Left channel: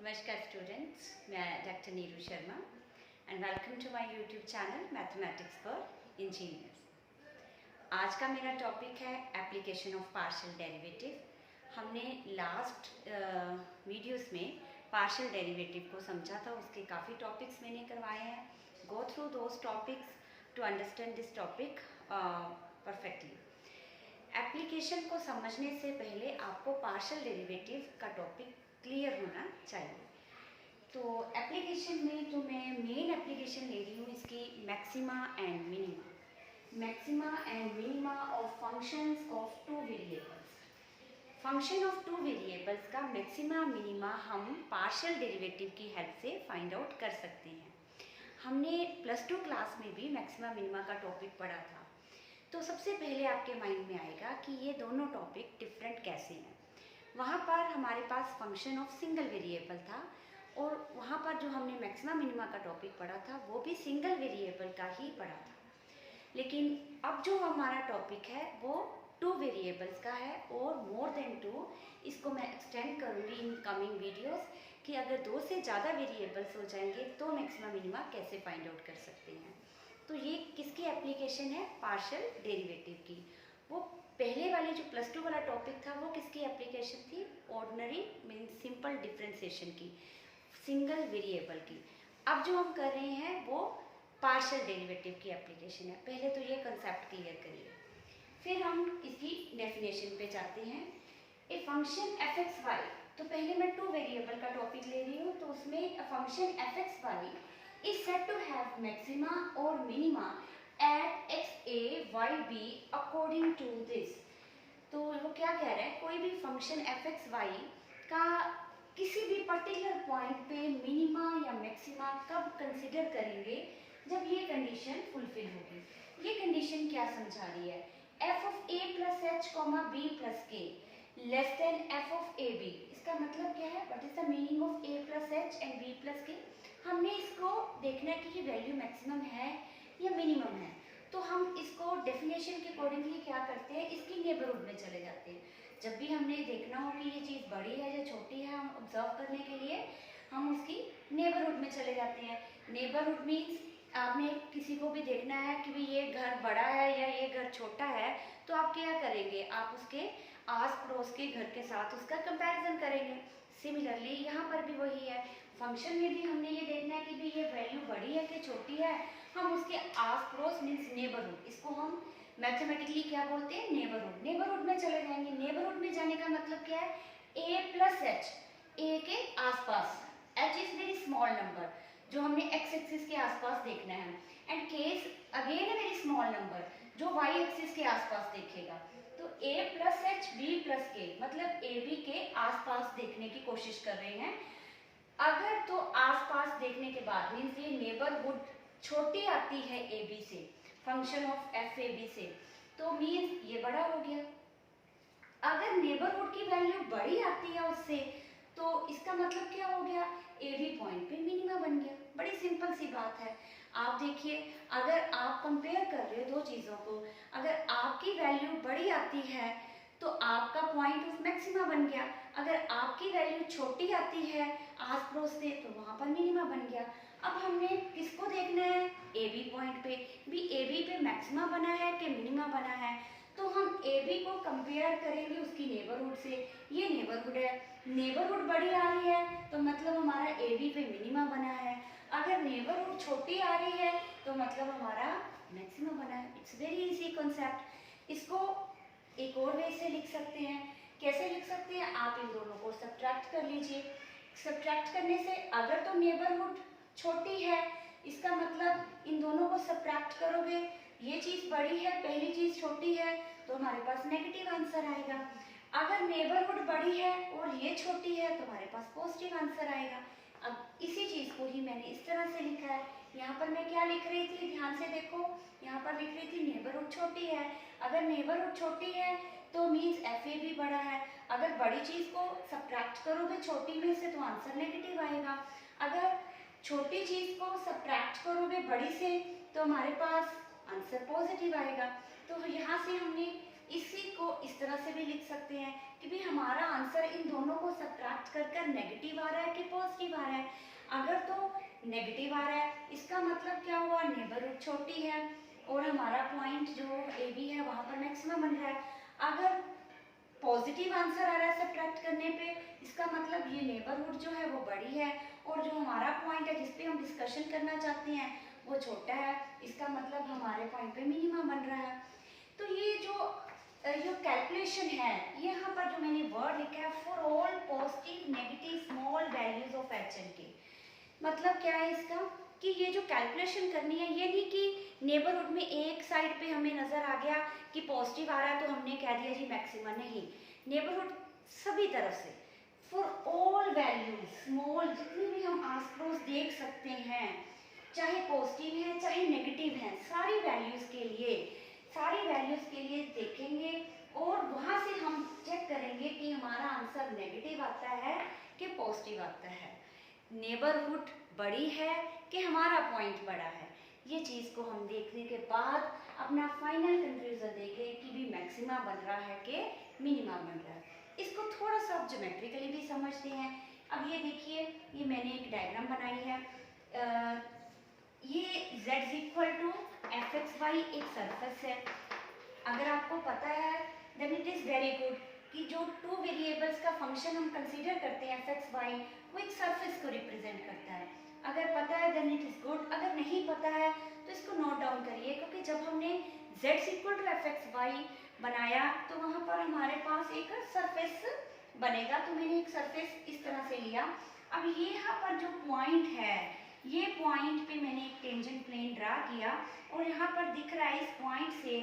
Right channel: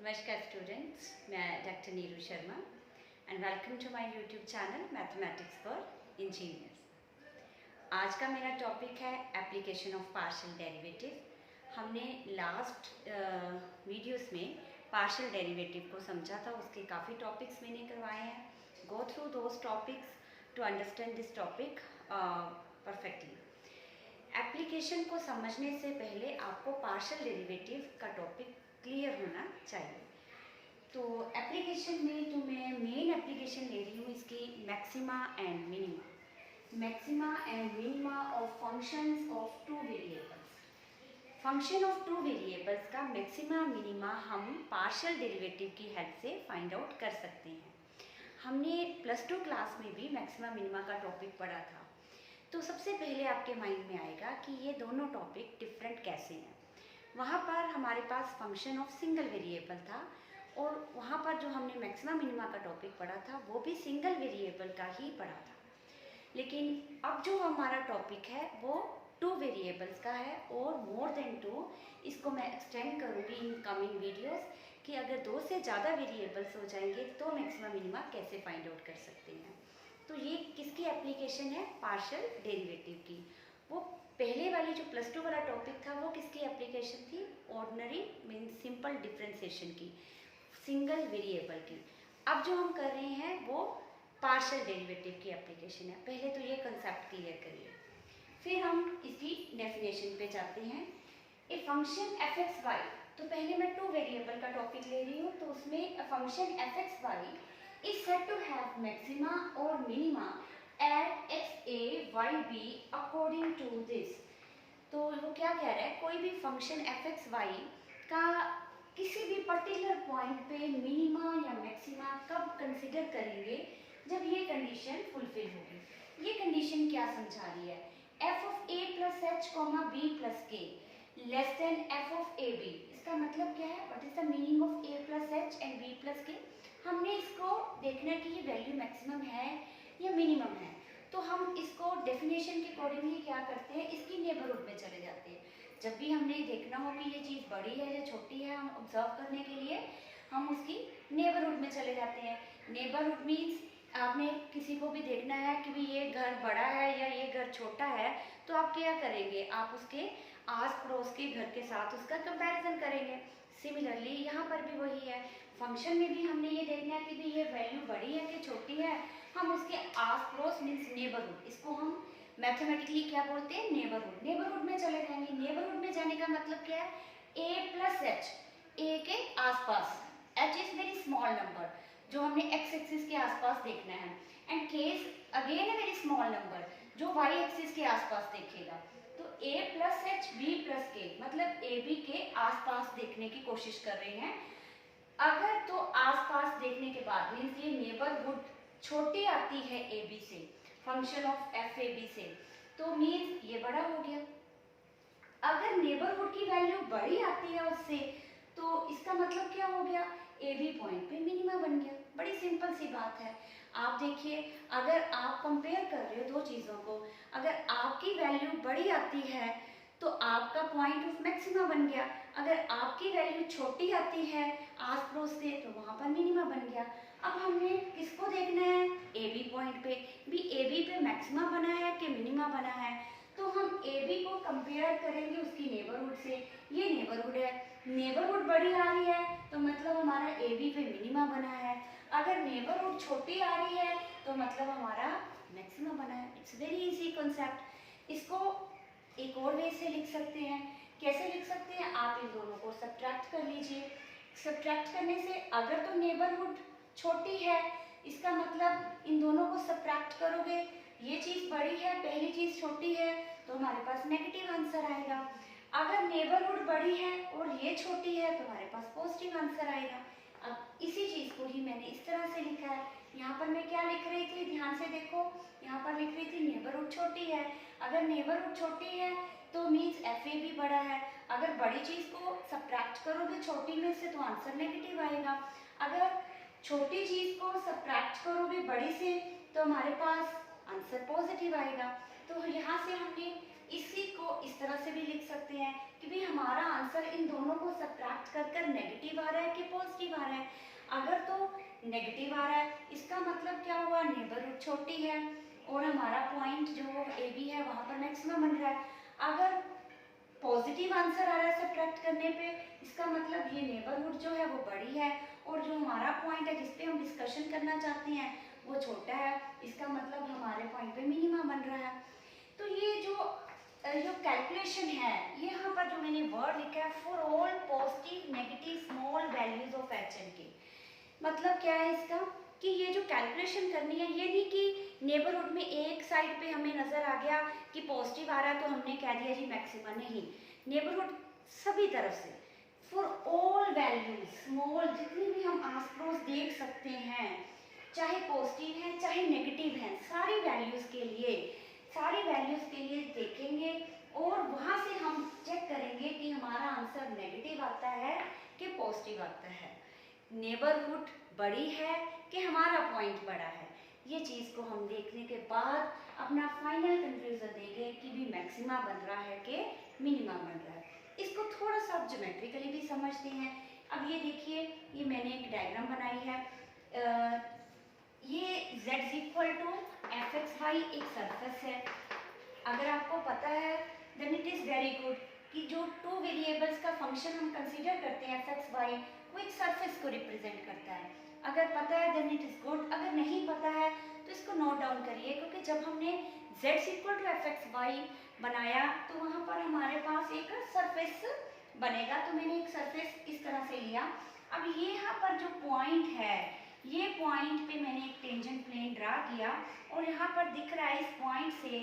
नमस्कार स्टूडेंट्स, मैं doctor Neeru Sharma and welcome to my YouTube channel mathematics for engineers. आज का मेरा टॉपिक है एप्लीकेशन ऑफ पार्शियल डेरिवेटिव। हमने लास्ट वीडियोस में पार्शियल डेरिवेटिव को समझा था, उसके काफ़ी टॉपिक्स मैंने करवाए हैं। Go through those topics to understand this topic perfectly. Application को समझने से पहले आपको पार्शियल डेरिवेटिव का टॉपिक क्लियर होना चाहिए। तो एप्लीकेशन में तो मैं मेन एप्लीकेशन ले रही हूँ इसकी maxima and minima of functions of two variables. Function of to variables का मैक्सिमा मिनिमा हम पार्शियल डेरिवेटिव की हेल्प से फाइंड आउट कर सकते हैं। हमने +2 क्लास में भी मैक्सिमा मिनिमा का टॉपिक पढ़ा था। तो सबसे पहले आपके माइंड में आएगा कि ये दोनों टॉपिक डिफरेंट कैसे हैं। वहाँ पर हमारे पास फंक्शन ऑफ सिंगल वेरिएबल था और वहाँ पर जो हमने मैक्सिमा मिनिमा का टॉपिक पढ़ा था वो भी सिंगल वेरिएबल का ही पढ़ा था। लेकिन अब जो हमारा टॉपिक है वो 2 वेरिएबल्स का है और मोर देन 2। इसको मैं एक्सटेंड करूँगी इन कमिंग वीडियोस कि अगर 2 से ज़्यादा वेरिएबल्स हो जाएंगे तो मैक्सिमा मिनिमा कैसे फाइंड आउट कर सकते हैं। तो ये किसकी एप्लीकेशन है? पार्शियल डेरिवेटिव की। वो पहले वाली जो +2 वाला टॉपिक था वो किसकी एप्लीकेशन थी? ऑर्डिनरी मीन्स सिंपल डिफरेंशिएशन की, सिंगल वेरिएबल की। अब जो हम कर रहे हैं वो पार्शियल डेरिवेटिव की एप्लीकेशन है। पहले तो ये कंसेप्ट क्लियर करिए, फिर हम इसकी डेफिनेशन पे जाते हैं। ए फंक्शन f(x,y), तो पहले मैं 2 वेरिएबल का टॉपिक ले रही हूँ, तो उसमें function f(x,y) is said to have maxima or minima at x a y b according to this। तो वो क्या कह रहा है, कोई भी फंक्शन f(x,y) का किसी भी पर्टिकुलर पॉइंट पे मिनिमा या मैक्सिमा कब कंसिडर करेंगे? जब ये कंडीशन फुलफिल होगी। ये कंडीशन क्या समझा रही है? f of a plus h, b plus k less than f of a b। इसका मतलब क्या है? What is the meaning of a plus h and b plus k? हमने इसको देखना है कि ये वैल्यू मैक्सिमम है या मिनिमम है। तो हम इसको डेफिनेशन के अकॉर्डिंगली क्या करते हैं, इसकी नेबरहुड में चले जाते हैं। जब भी हमने देखना हो कि ये चीज़ बड़ी है या छोटी है, हम ऑब्जर्व करने के लिए हम उसकी नेबरहुड में चले जाते हैं। नेबरहुड मीन्स आपने किसी को भी देखना है कि भी ये घर बड़ा है या ये घर छोटा है, तो आप क्या करेंगे? आप उसके आस पड़ोस के घर के साथ उसका कंपैरिजन करेंगे। सिमिलरली यहाँ पर भी वही है। फंक्शन में भी हमने ये देखना है कि भी ये वैल्यू बड़ी है कि छोटी है, हम उसके आस पड़ोस मीन्स नेबरहुड, इसको हम मैथमेटिकली क्या बोलते हैं? नेबरहुड। नेबरहुड में चले जाएंगे। नेबरहुड में जाने का मतलब क्या है? a plus h, a के आसपास, h is very small number जो हमने x एक्सिस के आसपास देखना है, and k is again very small number जो y एक्सिस के आसपास देखेगा। तो a plus h, b plus k मतलब a b के आसपास देखने की कोशिश कर रहे हैं। अगर तो आसपास देखने के बाद मीन्स ये नेबरहुड छोटी आती है ए बी से, function of f a b से, तो मीन्स ये बड़ा हो गया। अगर नेबरहुड की वैल्यू बड़ी आती है उससे, तो इसका मतलब क्या हो गया? ए बी पॉइंट पे मिनिमा बन गया। बड़ी सिंपल सी बात है। आप देखिए, अगर आप कंपेयर कर रहे हो दो चीज़ों को, अगर आपकी वैल्यू बड़ी आती है तो आपका पॉइंट ऑफ मैक्सिमा बन गया। अगर आपकी वैल्यू छोटी आती है आस पड़ोस से, तो वहाँ पर मिनिमा बन गया। अब हमने किसको देखना है? ए बी पॉइंट पे। भी ए बी पे मैक्सिमा बना है कि मिनिमा बना है, तो हम ए बी को कंपेयर करेंगे उसकी नेबरहुड से। ये नेबरहुड है, नेबरहुड बड़ी आ रही है तो मतलब हमारा ए बी पे मिनिमा बना है। अगर नेबरहुड छोटी आ रही है तो मतलब हमारा मैक्सिमा बना है। It's very easy concept. इसको एक और वे से लिख सकते हैं। कैसे लिख सकते हैं? आप इन दोनों को सब्ट्रैक्ट कर लीजिए। सब्ट्रैक्ट करने से अगर तो नेबरहुड छोटी है, इसका मतलब इन दोनों को सब्ट्रैक्ट करोगे, ये चीज़ बड़ी है, पहली चीज़ छोटी है, तो हमारे पास नेगेटिव आंसर आएगा। अगर नेबरहुड बड़ी है और ये छोटी है तो हमारे पास पॉजिटिव आंसर आएगा। अब इसी चीज़ को ही मैंने इस तरह से लिखा है। यहाँ पर मैं क्या लिख रही थी? ध्यान से देखो, यहाँ पर लिख रही थी नेबरहुड छोटी है। अगर नेबरहुड छोटी है तो मीन्स एफ ए भी बड़ा है। अगर बड़ी चीज़ को सब्ट्रैक्ट करोगे छोटी में से तो आंसर नेगेटिव आएगा। अगर छोटी चीज़ को सब्ट्रैक्ट करोगे बड़ी से तो हमारे पास आंसर पॉजिटिव आएगा। तो यहाँ से हमने इसी को इस तरह से भी लिख सकते हैं कि भाई हमारा आंसर इन दोनों को सब्ट्रैक्ट कर कर नेगेटिव आ रहा है कि पॉजिटिव आ रहा है। अगर तो नेगेटिव आ रहा है इसका मतलब क्या हुआ, नेबरहुड छोटी है और हमारा पॉइंट जो ए बी है वहाँ पर मैक्सिमम बन रहा है। अगर पॉजिटिव आंसर आ रहा है सब्ट्रैक्ट करने पे, इसका मतलब ये नेबरहुड जो है वो बड़ी है और जो हमारा पॉइंट है जिस पे हम डिस्कशन करना चाहते हैं वो छोटा है। इसका मतलब हमारे पॉइंट पे मिनिमा बन रहा है। तो ये जो कैलकुलेशन है, ये यहाँ पर जो मैंने वर्ड लिखा है for all positive negative small values of H and के, मतलब क्या है इसका कि ये जो कैलकुलेशन करनी है ये नहीं कि नेबरहुड में एक साइड पे हमें नजर आ गया कि पॉजिटिव आ रहा है तो हमने कह दिया जी मैक्सिमम, नहीं, नेबरहुड सभी तरफ से फॉर ऑल वैल्यूज स्मॉल, जितनी भी हम आस पड़ोस देख सकते हैं, चाहे पॉजिटिव है चाहे नेगेटिव है, सारी वैल्यूज के लिए देखेंगे और वहां से हम चेक करेंगे कि हमारा आंसर नेगेटिव आता है कि पॉजिटिव आता है, नेबरहुड बड़ी है कि हमारा पॉइंट बड़ा है। ये चीज़ को हम देखने के बाद अपना फाइनल कंक्लूजन देंगे कि भी मैक्सिमा बन रहा है कि मिनिमा बन रहा है। इसको थोड़ा सा ज्योमेट्रिकली भी समझते हैं। अब ये देखिए, ये मैंने एक डायग्राम बनाई है। ये z equal to f x y एक सरफेस है। अगर आपको पता है then it is very good कि जो टू वेरिएबल्स का फंक्शन हम कंसीडर करते हैं एफ एक्स वाई, वो एक सरफेस को रिप्रेजेंट करता है। अगर पता है देन इट इज़ गुड, अगर नहीं पता है तो इसको नोट डाउन करिए, क्योंकि जब हमने z equal to f x y बनाया तो वहाँ पर हमारे पास एक सरफेस बनेगा। तो मैंने एक सरफेस इस तरह से लिया। अब ये यहाँ पर जो पॉइंट है, ये पॉइंट पे मैंने एक टेंजेंट प्लेन ड्रा किया और यहाँ पर दिख रहा है इस पॉइंट से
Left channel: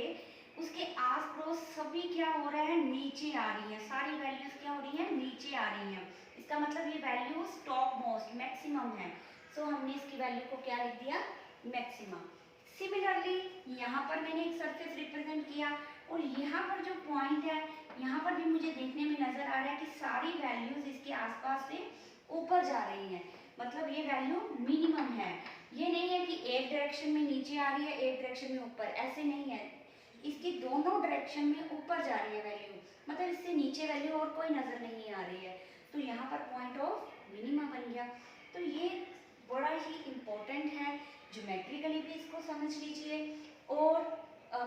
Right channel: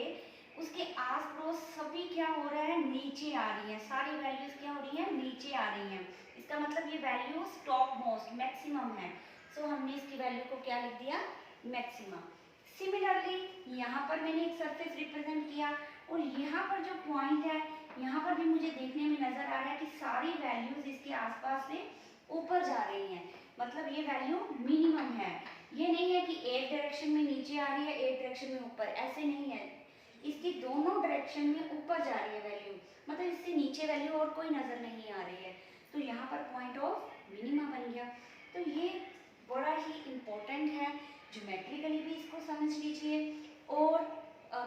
उसके आस पड़ोस सभी क्या हो रहा है, नीचे आ रही हैं, सारी वैल्यूज क्या हो रही हैं, नीचे आ रही हैं। इसका मतलब ये वैल्यूज टॉप मोस्ट मैक्सिमम है, सो हमने इसकी वैल्यू को क्या लिख दिया, मैक्सिमम। सिमिलरली यहाँ पर मैंने एक सरफेस रिप्रेजेंट किया और यहाँ पर जो पॉइंट है यहाँ पर भी मुझे देखने में नजर आ रहा है कि सारी वैल्यूज इसके आसपास से ऊपर जा रही हैं, मतलब ये वैल्यू मिनिमम है। ये नहीं है कि एक डायरेक्शन में नीचे आ रही है एक डायरेक्शन में ऊपर, ऐसे नहीं है, इसकी दोनों डायरेक्शन में ऊपर जा रही है वैल्यू, मतलब इससे नीचे वैल्यू और कोई नजर नहीं आ रही है। तो यहाँ पर पॉइंट ऑफ मिनिमा बन गया। तो ये बड़ा ही इम्पोर्टेंट है, ज्योमेट्रिकली भी इसको समझ लीजिए और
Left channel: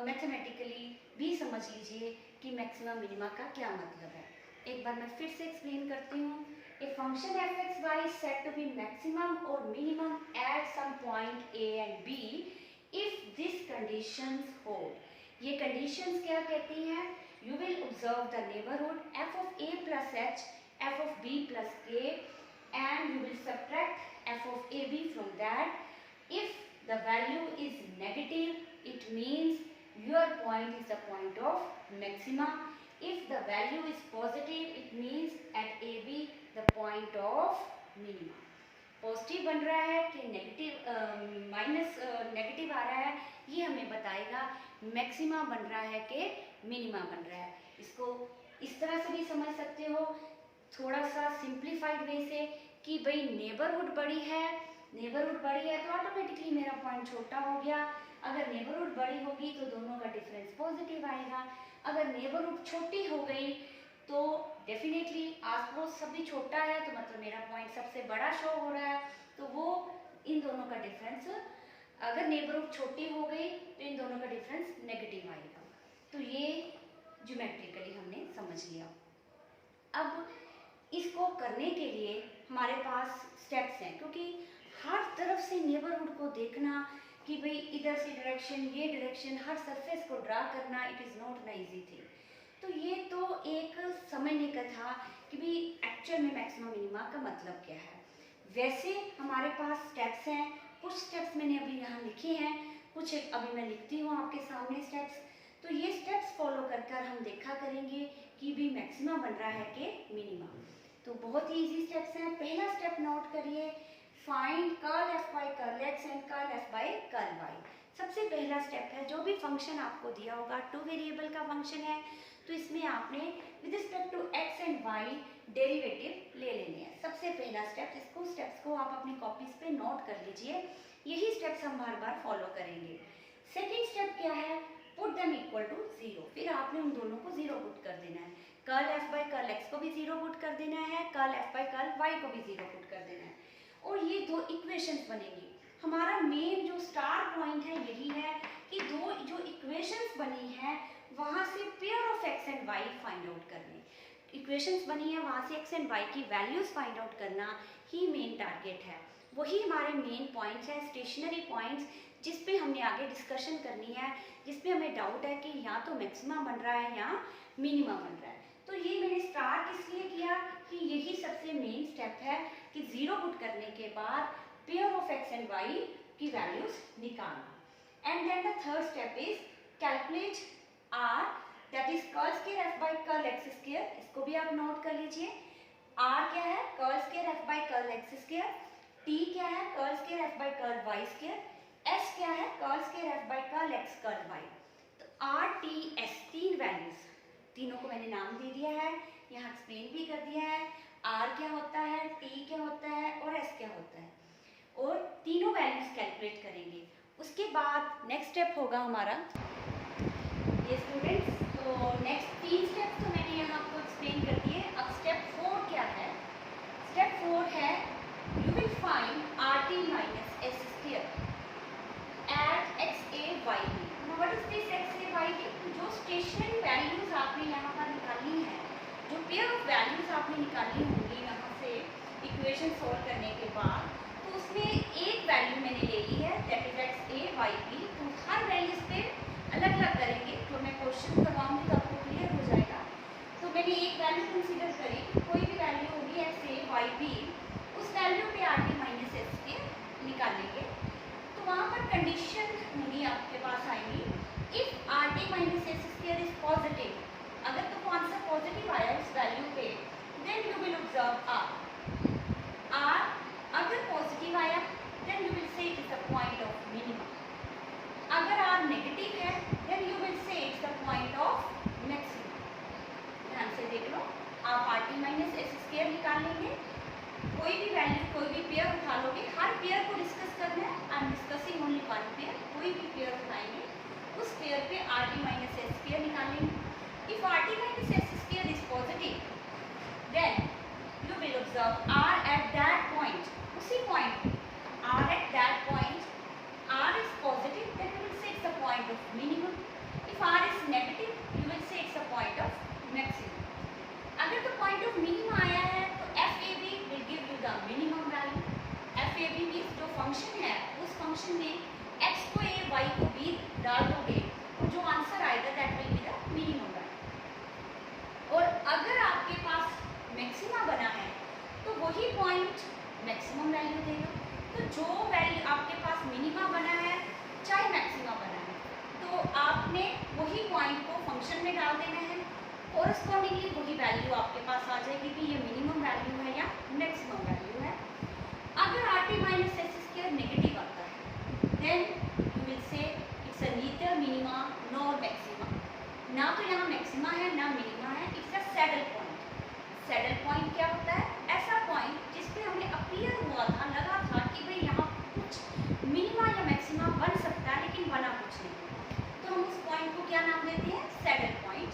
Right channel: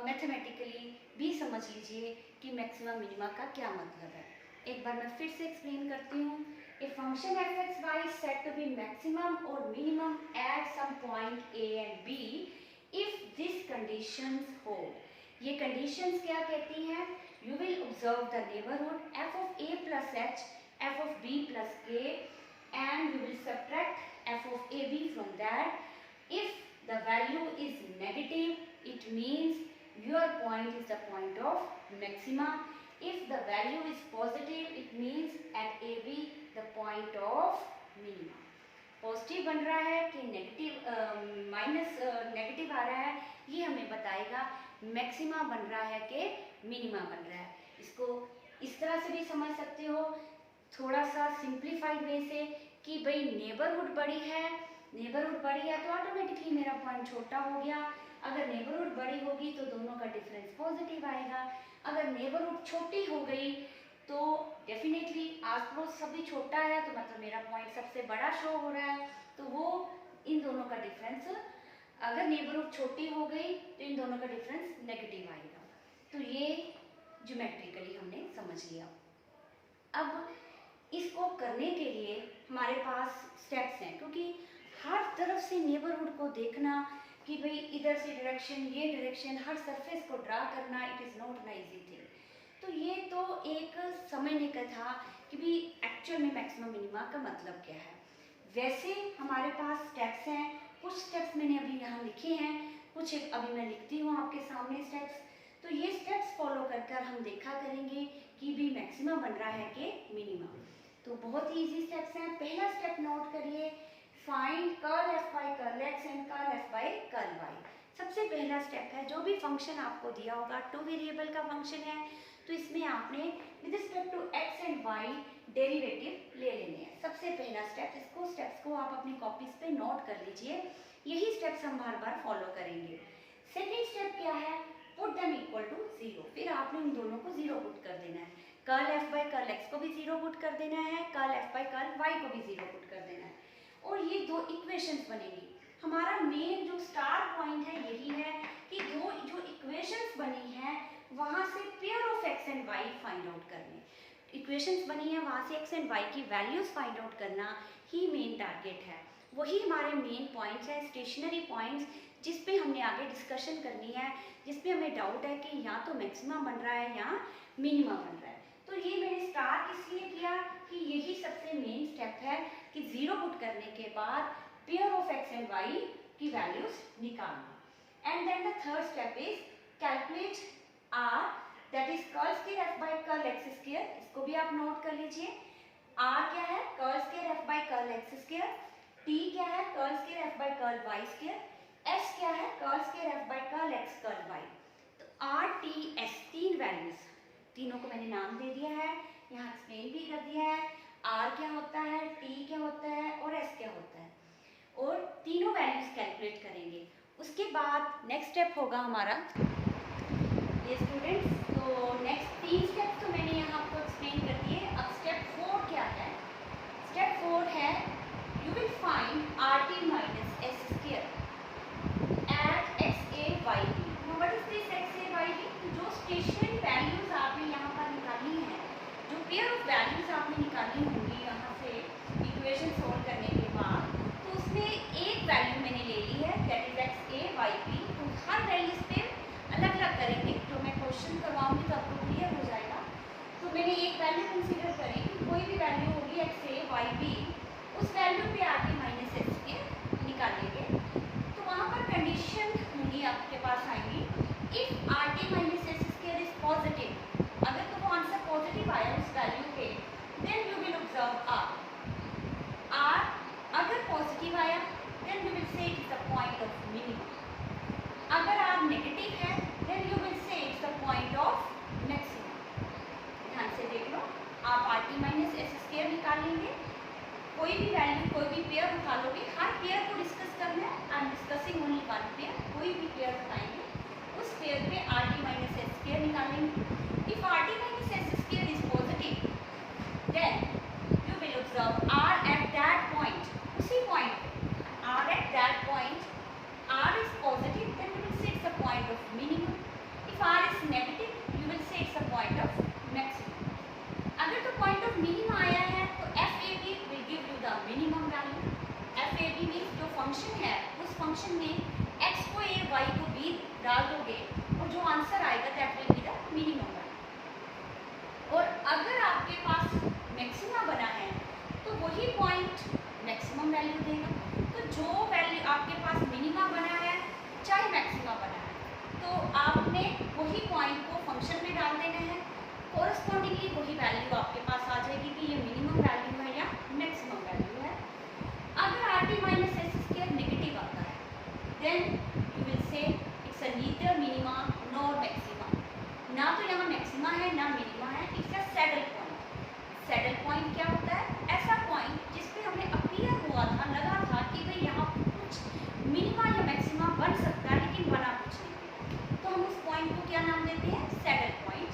मैथमेटिकली भी समझ लीजिए कि मैक्सिमम मिनिमा का क्या मतलब है। एक बार मैं फिर से एक्सप्लेन करती हूँ। A function f x y is said to be maximum और minimum at some point a and b if this conditions hold. ये कंडीशंस क्या कहती हैं, you will observe the neighbourhood f of a plus h f of b plus k and you will subtract f of a b from that. If the value is negative, it means your point is the point of maxima. If the value is positive, it means at AB the point of minima. Positive बन रहा है कि negative minus negative आ रहा है, ये हमें बताएगा maxima बन रहा है कि मिनिमा बन रहा है। इसको इस तरह से भी समझ सकते हो, थोड़ा सा सिंप्लीफाइड वे से, कि भाई नेबरहुड बड़ी है तो ऑटोमेटिकली मेरा पॉइंट छोटा हो गया। अगर नेबरहुड बड़ी होगी तो दोनों का डिफरेंस पॉजिटिव आएगा। अगर नेबरहुड छोटी हो गई तो डेफिनेटली आस पड़ोस सभी छोटा है तो मतलब मेरा पॉइंट सबसे बड़ा शो हो रहा है, तो वो इन दोनों का डिफरेंस, अगर नेबरहुड छोटी हो गई तो इन दोनों का डिफरेंस नेगेटिव आएगा। तो ये ज्योमेट्रिकली हमने समझ लिया। अब इसको करने के लिए हमारे पास स्टेप्स हैं, क्योंकि हर तरफ से नेबरहुड को देखना कि भाई इधर से डायरेक्शन, ये डायरेक्शन, हर सरफेस को ड्रा करना, it is not an easy thing. तो ये तो एक समझने का था कि भाई एक्चुअल में मैक्सिमम मिनिमा का मतलब क्या है। वैसे हमारे पास स्टेप्स हैं, कुछ स्टेप्स मैंने अभी यहाँ लिखे हैं, कुछ अभी मैं लिखती हूँ आपके सामने स्टेप्स। तो ये स्टेप्स फॉलो कर हम देखा करेंगे कि भी मैक्सिमा बन रहा है कि मिनिमा। तो बहुत ही ईजी स्टेप्स हैं। पहला स्टेप नोट करिए, find curl f by curl x and curl f by curl y. सबसे पहला स्टेप है, जो भी फंक्शन आपको दिया होगा, टू वेरिएबल का फंक्शन है तो इसमें आपने with respect to x and y derivative ले लेने हैं। सबसे पहला स्टेप, इसको स्टेप्स को आप अपनी कॉपीज पे नोट कर लीजिए, यही स्टेप्स हम बार बार फॉलो करेंगे। सेकेंड स्टेप क्या है, पुट देम इक्वल टू 0। फिर आपने उन दोनों को 0 पुट कर देना है। Curl f by curl x को भी 0 पुट कर देना है, curl f by curl y को भी 0 पुट कर देना है, और ये दो इक्वेशंस बनेंगी। हमारा मेन जो स्टार पॉइंट है यही है कि दो जो इक्वेशंस बनी है वहाँ से pair of x and y find out करने। इक्वेशंस बनी है वहाँ से x एंड y की वैल्यूज़ फाइंड आउट करना ही मेन टारगेट है। वही हमारे मेन पॉइंट्स हैं, स्टेशनरी पॉइंट्स, जिस पे हमने आगे डिस्कशन करनी है, जिस पे हमें डाउट है कि यहाँ तो मैक्सिमा बन रहा है या मिनिमा बन रहा है। तो ये मैंने स्टार किस लिए किया कि यही सबसे मेन स्टेप है कि 0 पुट करने के बाद pair of x and y की वैल्यूज निकालना। And then the third step is calculate r, that is curl square f by curl x square. इसको भी आप नोट कर लीजिए। r क्या है? Curl square f by curl x square. t क्या है? Curl square f by curl y square. s क्या है? Curl square f by curl x curl y। तो r t s तीन वैल्यूज, तीनों को मैंने नाम दे दिया है, यहाँ एक्सप्लेन भी कर दिया है। r क्या होता है, t क्या होता है और s क्या होता है, और तीनों वैल्यूज कैलकुलेट करेंगे। उसके बाद नेक्स्ट स्टेप होगा हमारा ये स्टूडेंट्स। तो नेक्स्ट 3 स्टेप तो मैंने यहाँ आपको एक्सप्लेन कर दिए। अब स्टेप 4 क्या है? स्टेप 4 है you will find rt minus s square at x a y b। What is this x a y b? जो स्टेशनरी वैल्यूज आपने यहाँ पर निकाली हैं, जो पेयर ऑफ वैल्यूज आपने निकाली होंगी यहाँ से इक्वेशन सोल्व करने के बाद, तो उसमें एक वैल्यू मैंने ले ली है, that is x a y b। तो हर वैल्यूज पे अलग अलग करेंगे, तो मैं क्वेश्चन करवाऊंगी तो आपको क्लियर हो जाएगा। तो मैंने एक वैल्यू कंसीडर करी कि कोई भी वैल्यू होगी x a y b, उस वैल्यू पे rt माइनस s के निकालेंगे। तो वहाँ पर कंडीशन होंगी आपके पास आएंगी, if rt minus s square is positive, अगर तो वो आंसर पॉजिटिव आया इस वैल्यू पे, then you will observe r अगर पॉजिटिव आया then you will say it is the point of minimum. अगर r नेगेटिव है then you will say it's the point of maximum. ध्यान से देख लो, आप rt माइनस s स्क्वायर निकाल लेंगे, कोई भी वैल्यू कोई भी पेयर उठा लोगे, हर पेयर को डिस्कस करना है। I am discussing only one pair, कोई भी पेयर उठाएंगे उस पेयर पे rt माइनस s स्क्वायर निकालेंगे। If rt minus s square is positive then you will observe r at that point, उसी point r at that point, r is positive then you will say it's the point of minimum. If r is negative you will say it's the point of maximum. अगर तो point of minimum आया है तो FAB will give you the minimum value. FAB means जो function है उस function में x को a y को b डाल दोगे और जो आंसर आएगा that will be the minimum value. और अगर आपके पास मैक्सिमा बना है तो वही पॉइंट मैक्सिमम वैल्यू देगा। तो जो वैल्यू आपके पास मिनिमा बना है चाहे मैक्सिमा बना है, तो आपने वही पॉइंट को फंक्शन में डाल देना है, कोरस्पॉन्डिंगली वही वैल्यू आपके पास आ जाएगी कि ये मिनिमम वैल्यू है या मैक्सिमम वैल्यू है। अगर rt minus s square negative आता है then you will say it's a neither minima nor maxima. ना तो यहाँ मैक्सिमा है ना मिनिमा है, it's a saddle point. Saddle point क्या होता है? ऐसा पॉइंट जिसपे हमें अपीयर हुआ था, लगा था कि भाई यहाँ कुछ मिनिमा या मैक्सिमा बन सकता है लेकिन बना कुछ नहीं, तो हम उस पॉइंट को क्या नाम देते हैं? Saddle point.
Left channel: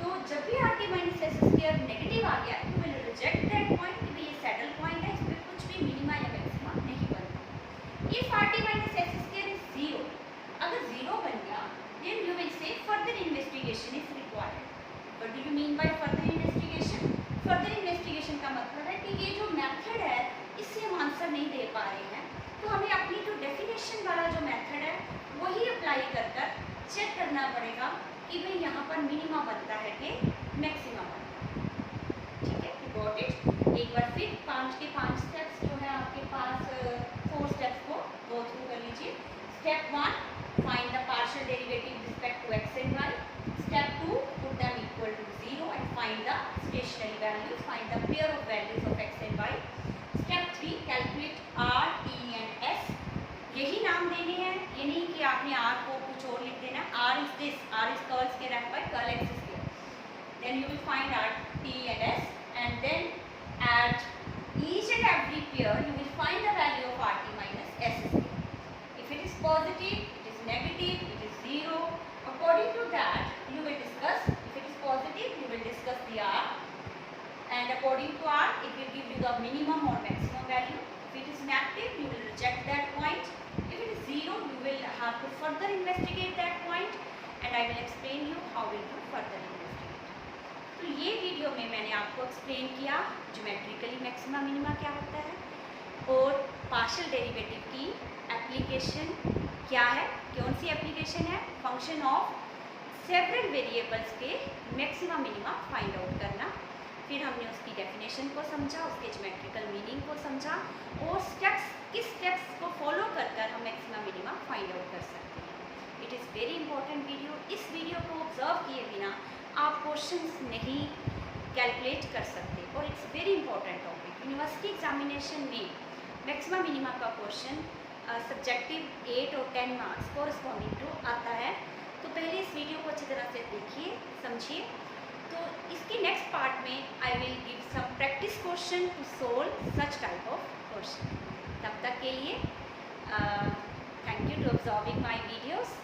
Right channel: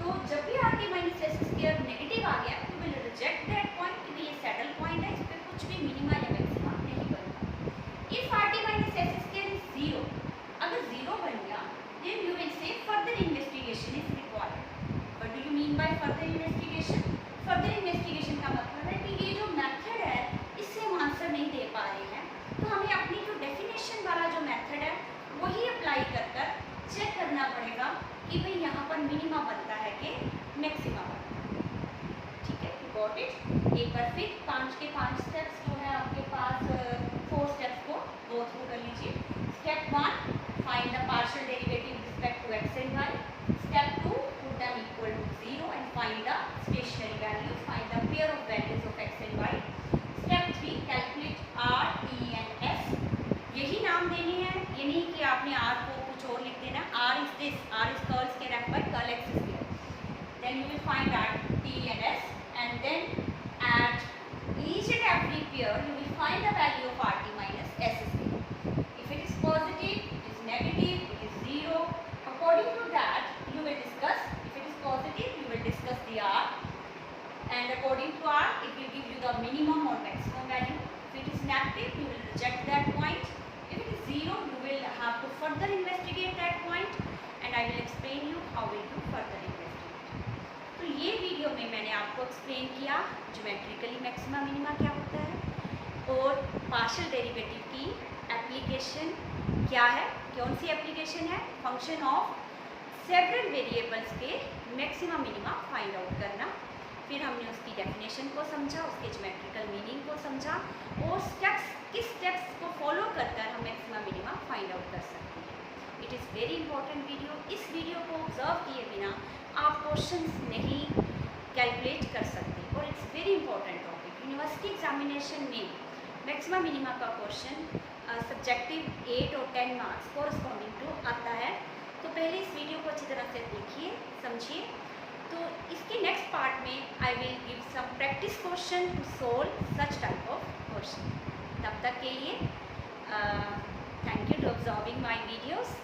तो जब भी rt minus s square negative आ गया you will reject that point कि ये सैडल पॉइंट है, इस पर कुछ भी मिनिमा या मैक्सिमा नहीं बनता। If rt minus s square is 0, अगर 0 बन गया then you will say further investigation is required. What do you mean by further investigation? Further investigation का मतलब है कि ये जो मेथड है इससे हम आंसर नहीं दे पा रहे हैं, तो हमें अपनी जो डेफिनेशन वाला जो मेथड है वही अप्लाई कर कर चेक करना पड़ेगा कि भाई यहाँ पर मिनिमा बनता है कि मैक्सिमा बनता है। ठीक है, गॉट इट। एक बार फिर 5 के 5 स्टेप्स जो है आपके पास 4 स्टेप्स को गो थ्रू कर लीजिए। Step 1 find the partial derivative with respect to x and y। Step 2 put them equal to 0 and find the stationary values, find the pair of values of x and y। Step 3 calculate r, t and s। यही नाम देने हैं, ये नहीं कि आपने r को कुछ और लिख देना। r is this, r is curl square f by curl x square. Then you will find r, t and s, and then at each and every pair you will find the value of rt minus s square. If it is positive, it is negative, it is 0. According minimum or maximum value. If it is negative, you will reject that point. If it is 0, you will have to further investigate that point, and I will explain you how will you further investigate. तो ये video में मैंने आपको explain किया geometrically maxima minima क्या होता है और पार्शियल डेरिवेटिव की एप्लीकेशन क्या है, कौन सी एप्लीकेशन है, फंक्शन ऑफ सेवरल वेरिएबल्स के मैक्सिमा मिनिमा फाइंड आउट करना। फिर हमने उसकी डेफिनेशन को समझा, उसके ज्योमेट्रिकल मीनिंग को समझा और किस स्टेप्स को फॉलो कर हम मैक्सिमा मिनिमा फाइंड आउट कर सकते हैं। It is very important video. इस वीडियो को ऑब्जर्व किए बिना आप क्वेश्चंस नहीं कैलकुलेट कर सकते और it's very important topic. University examination में मैक्सिमा मिनिमा का क्वेश्चन सब्जेक्टिव 8 और 10 मार्क्स कोरस्पॉन्डिंग टू आता है। तो पहले इस वीडियो को अच्छी तरह से देखिए, समझिए। तो इसके नेक्स्ट पार्ट में I will give some practice question to solve such type of question. तब तक के लिए thank you to observing my videos.